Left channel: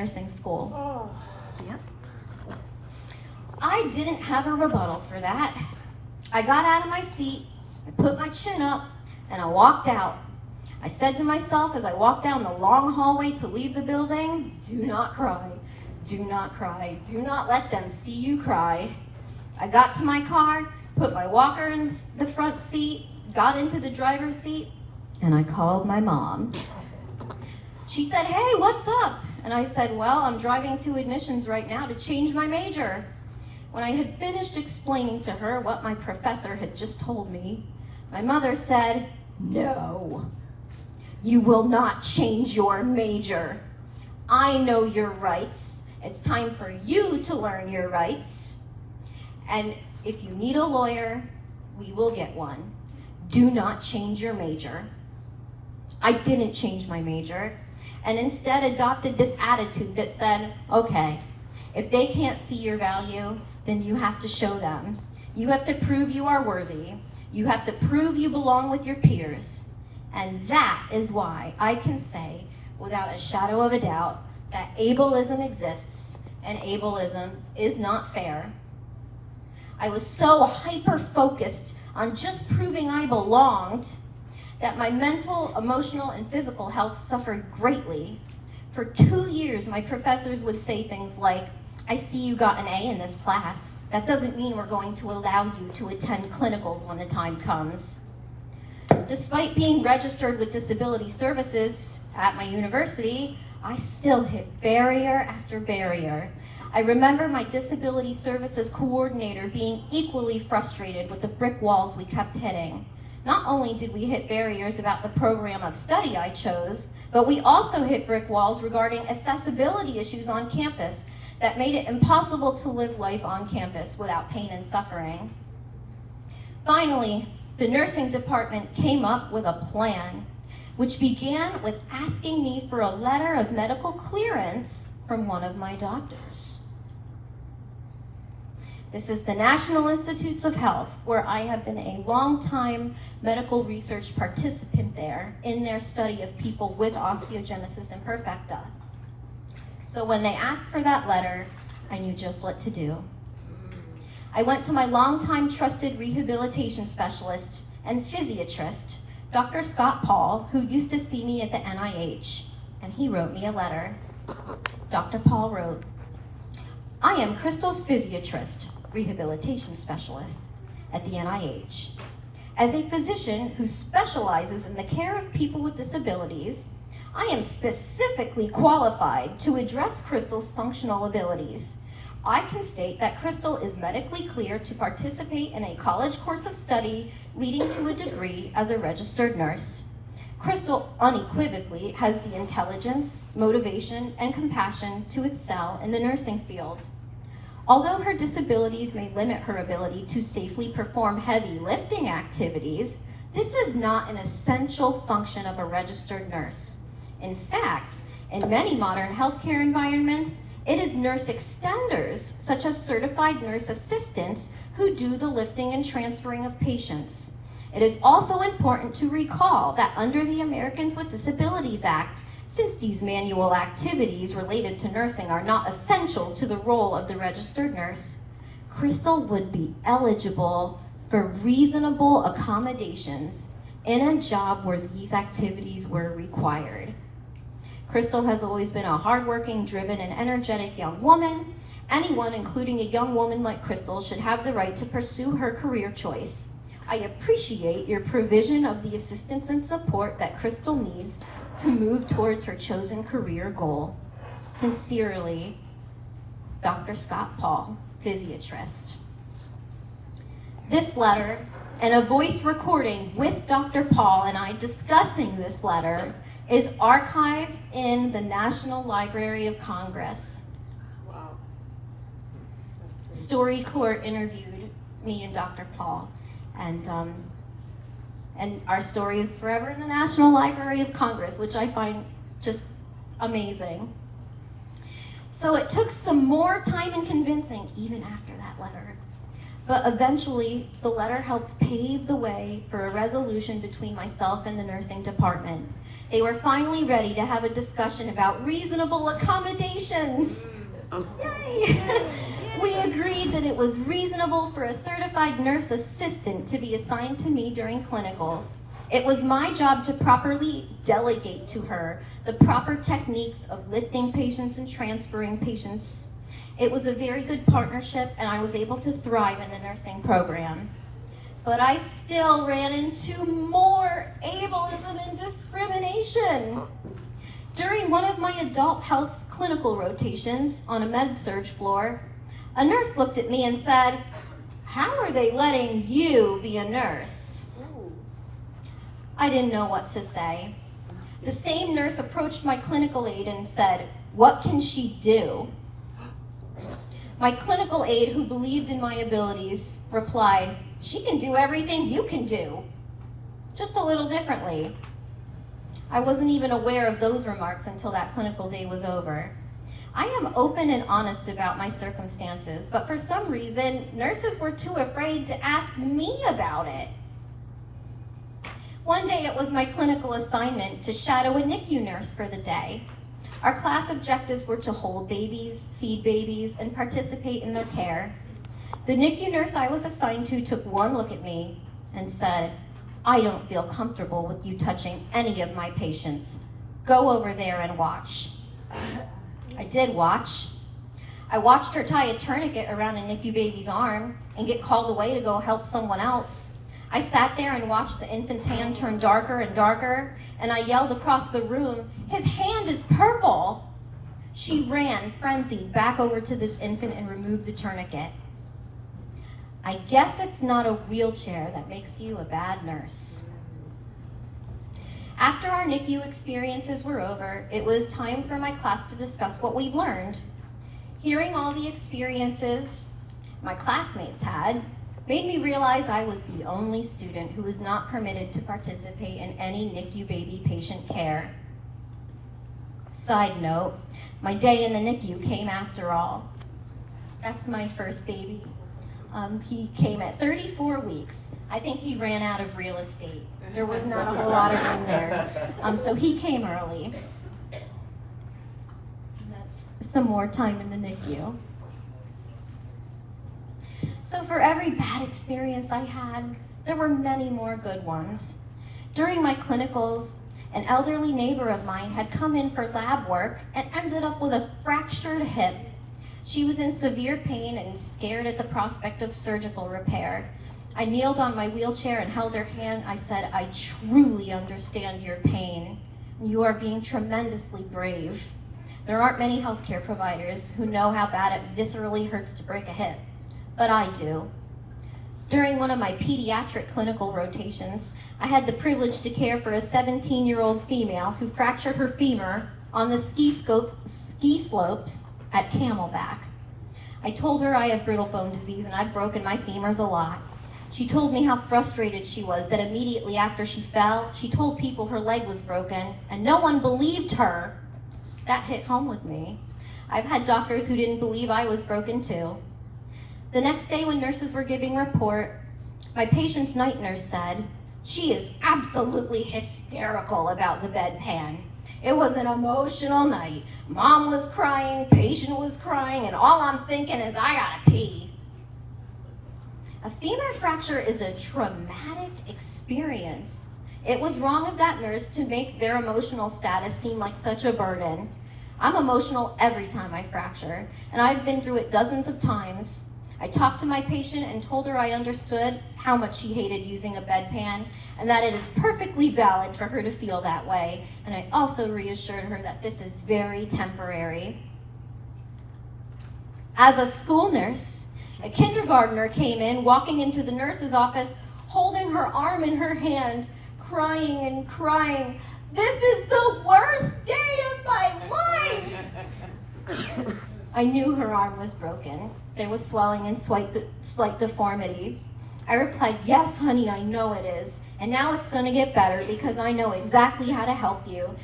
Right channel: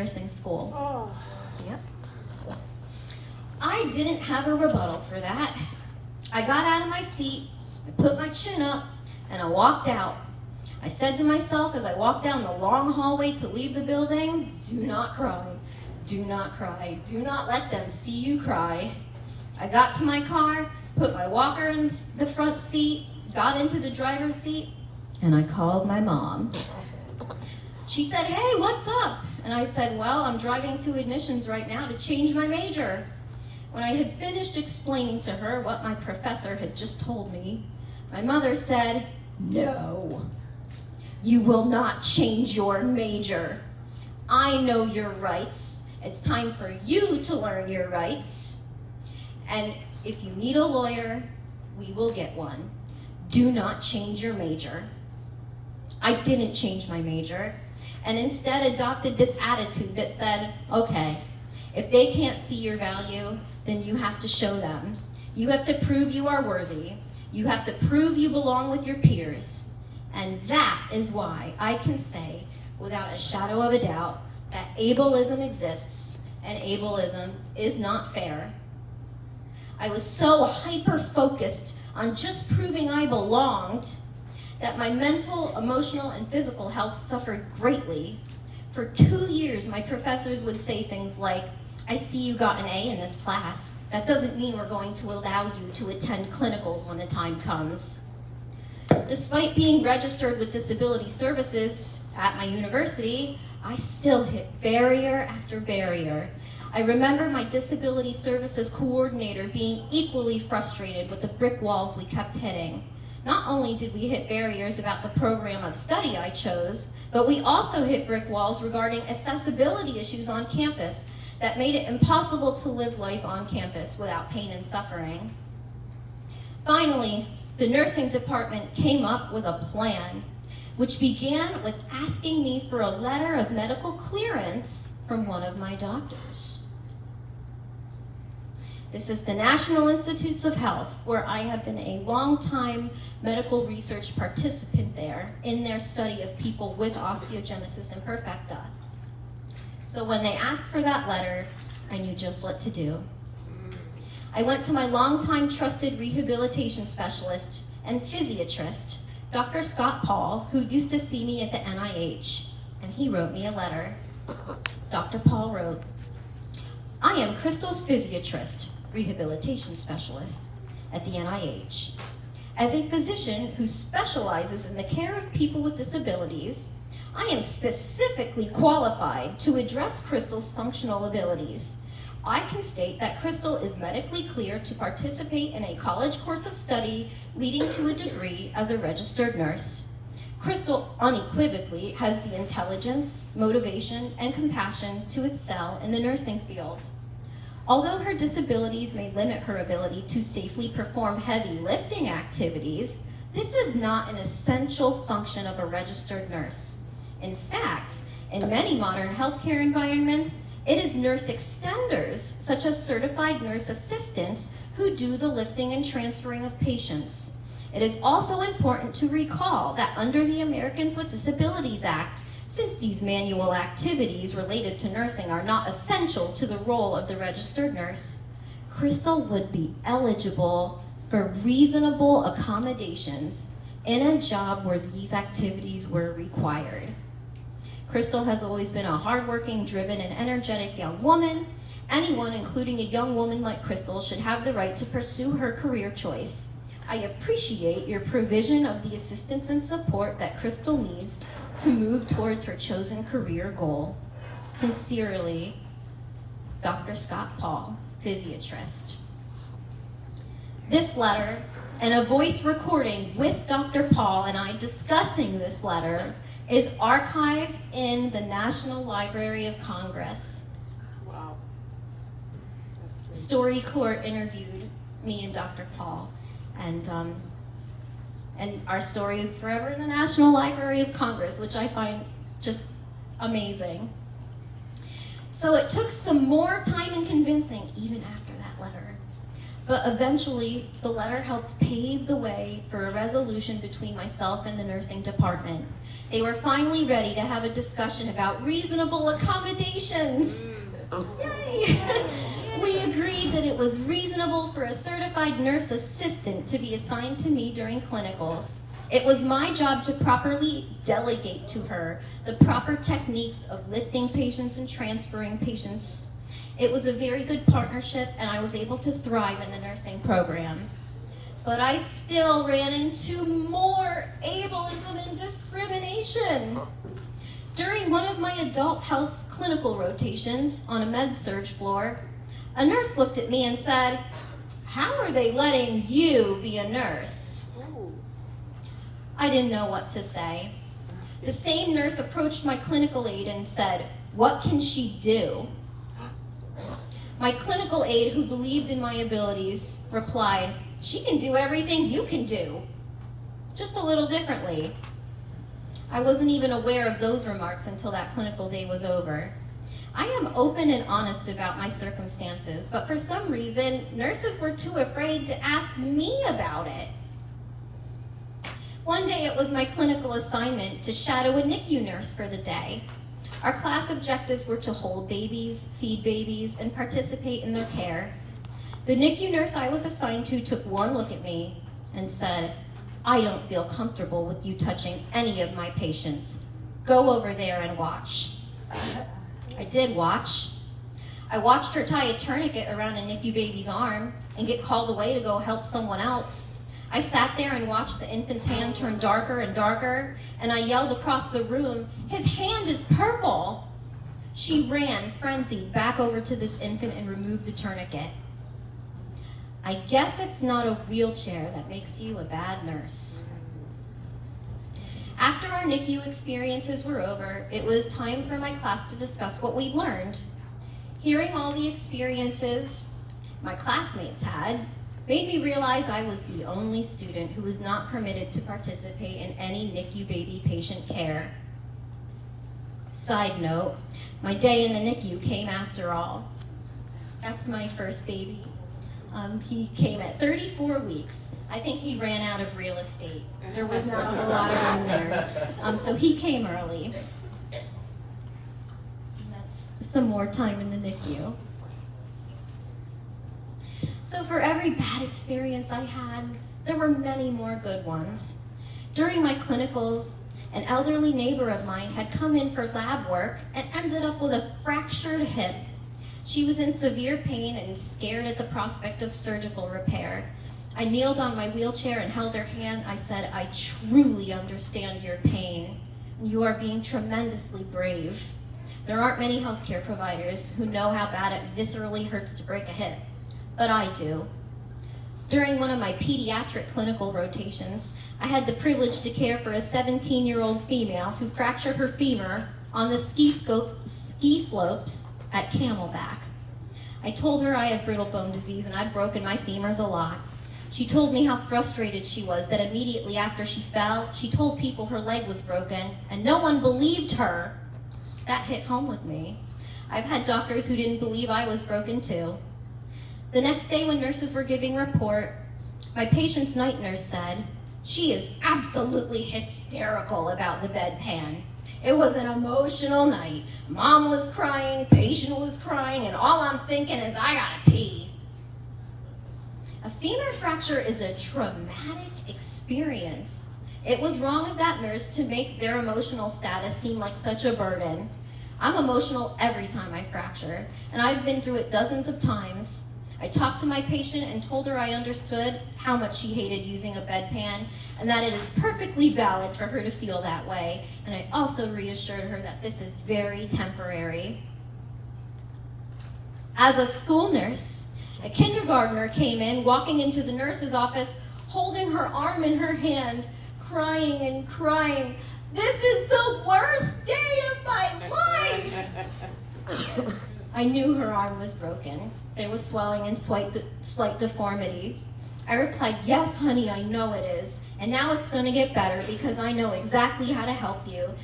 nursing school. Yep. I didn't have a rebuttal for that. I got out of my seat, I put my chin up, and I walked out. I said to myself as I walked down the long hallway to leave the building, do not cry, do not cry, do not let them see you cry. I got to my car, put my walker in the front seat, got into the driver's seat, and I called my mom. She said, hey, what's up? And I said, well, I'm driving to admissions right now to change my major. When I had finished explaining to her what my professor had just told me, my mother said, no, you will not change your major. I know your rights. It's time for you to learn your rights. And if you need a lawyer, we will get one. Do not change your major. I didn't change my major, and instead adopted this attitude that said, okay, if they can't see your value, then you have to show them. You have to prove you are worthy. You have to prove you belong with your peers. And that is why I can say, without a shadow of a doubt, that ableism exists, and ableism is not fair. I was so hyper-focused on just proving I belonged that my mental, emotional, and physical health suffered greatly. For 2 years, my professors would say things like, I see you got an A in this class. That doesn't mean we're going to allow you to attend clinicals when the time comes. Despite being registered with disability services at my university, I still hit barrier after barrier. I remember my disability services coordinator being equally frustrated with the brick walls we kept hitting. Not only did we hit barriers about the program of study I chose, but we also hit brick walls regarding accessibility issues on campus that made it impossible to live life on campus without pain and suffering. Finally, the nursing department came up with a plan, which began with asking me for a letter of medical clearance from one of my doctors. This is the National Institutes of Health, where I have been a long-time medical research participant there in their study of people with osteogenesis imperfecta. So when they asked for that letter, I knew just what to do. I went to my longtime trusted rehabilitation specialist and physiatrist, Dr. Scott Paul, who used to see me at the NIH, and he wrote me a letter. Dr. Paul wrote, I am Crystal's physiatrist, rehabilitation specialist at the NIH. As a physician who specializes in the care of people with disabilities, I am specifically qualified to address Crystal's functional abilities. I can state that Crystal is medically clear to participate in a college course of study leading to a degree as a registered nurse. Crystal unequivocally has the intelligence, motivation, and compassion to excel in the nursing field. Although her disabilities may limit her ability to safely perform heavy lifting activities, this is not an essential function of a registered nurse. In fact, in many modern healthcare environments, it is nurse extenders, such as certified nurse assistants, who do the lifting and transferring of patients. It is also important to recall that under the Americans with Disabilities Act, since these manual activities related to nursing are not essential to the role of the registered nurse, Crystal would be eligible for reasonable accommodations in a job where these activities were required. Crystal has always been a hardworking, driven, and energetic young woman. Anyone, including a young woman like Crystal, should have the right to pursue her career choice. I appreciate your provision of the assistance and support that Crystal needs to move towards her chosen career goal. Sincerely, Dr. Scott Paul, physiatrist. This letter and a voice recording with Dr. Paul and I discussing this letter is archived in the National Library of Congress. Wow. Story Court interviewed me and Dr. Paul, and our story is forever in the National Library of Congress, which I find just amazing. So it took some more time and convincing even after that letter. But eventually, the letter helped pave the way for a resolution between myself and the nursing department. They were finally ready to have a discussion about reasonable accommodations. Yay! We agreed that it was reasonable for a certified nurse assistant to be assigned to me during clinicals. It was my job to properly delegate to her the proper techniques of lifting patients and transferring patients. It was a very good partnership, and I was able to thrive in the nursing program. But I still ran into more ableism and discrimination. During one of my adult health clinical rotations on a med-surg floor, a nurse looked at me and said, "How are they letting you be a nurse?" I didn't know what to say. The same nurse approached my clinical aide and said, "What can she do?" My clinical aide, who believed in my abilities, replied, "She can do everything you can do, just a little differently." I wasn't even aware of those remarks until that clinical day was over. I am open and honest about my circumstances, but for some reason, nurses were too afraid to ask me about it. One day it was my clinical assignment to shadow a NICU nurse for the day. Our class objectives were to hold babies, feed babies, and participate in their care. The NICU nurse I was assigned to took one look at me and said, "I don't feel comfortable with you touching any of my patients. Go over there and watch." I did watch. I watched her tie a tourniquet around a NICU baby's arm and get called away to go help someone else. I sat there and watched the infant's hand turn darker and darker, and I yelled across the room, "His hand is purple!" She ran, frenzied, back over to this infant and removed the tourniquet. I guess it's not a wheelchair that makes you a bad nurse. After our NICU experiences were over, it was time for my class to discuss what we'd learned. Hearing all the experiences my classmates had made me realize I was the only student who was not permitted to participate in any NICU baby patient care. Side note, my day in the NICU came after all. That's my first baby. He came at 34 weeks. I think he ran out of real estate. There was not a whole lot of room there. So he came early. That's some more time in the NICU. So for every bad experience I had, there were many more good ones. During my clinicals, an elderly neighbor of mine had come in for lab work and ended up with a fractured hip. She was in severe pain and scared at the prospect of surgical repair. I kneeled on my wheelchair and held her hand. I said, "I truly understand your pain. You are being tremendously brave. There aren't many healthcare providers who know how bad it viscerally hurts to break a hip, but I do." During one of my pediatric clinical rotations, I had the privilege to care for a 17-year-old female who fractured her femur on the ski slopes at Camelback. I told her I had brittle bone disease and I'd broken my femurs a lot. She told me how frustrated she was that immediately after she fell, she told people her leg was broken and no one believed her. That hit home with me. I've had doctors who didn't believe I was broken too. The next day when nurses were giving a report, my patient's night nurse said, "She is absolutely hysterical about the bedpan. It was an emotional night. Mom was crying, patient was crying, and all I'm thinking is I gotta pee." A femur fracture is a traumatic experience. It was wrong of that nurse to make their emotional status seem like such a burden. I'm emotional every time I fracture, and I've been through it dozens of times. I talked to my patient and told her I understood how much she hated using a bedpan and that it is perfectly valid for her to feel that way. And I also reassured her that this is very temporary. As a school nurse, a kindergartner came in, walking into the nurse's office, holding her arm in her hand, crying and crying. "This is the worst day of my life!" I knew her arm was broken. There was swelling and slight deformity. I replied, "Yes, honey, I know it is. And now it's going to get better because I know exactly how to help you.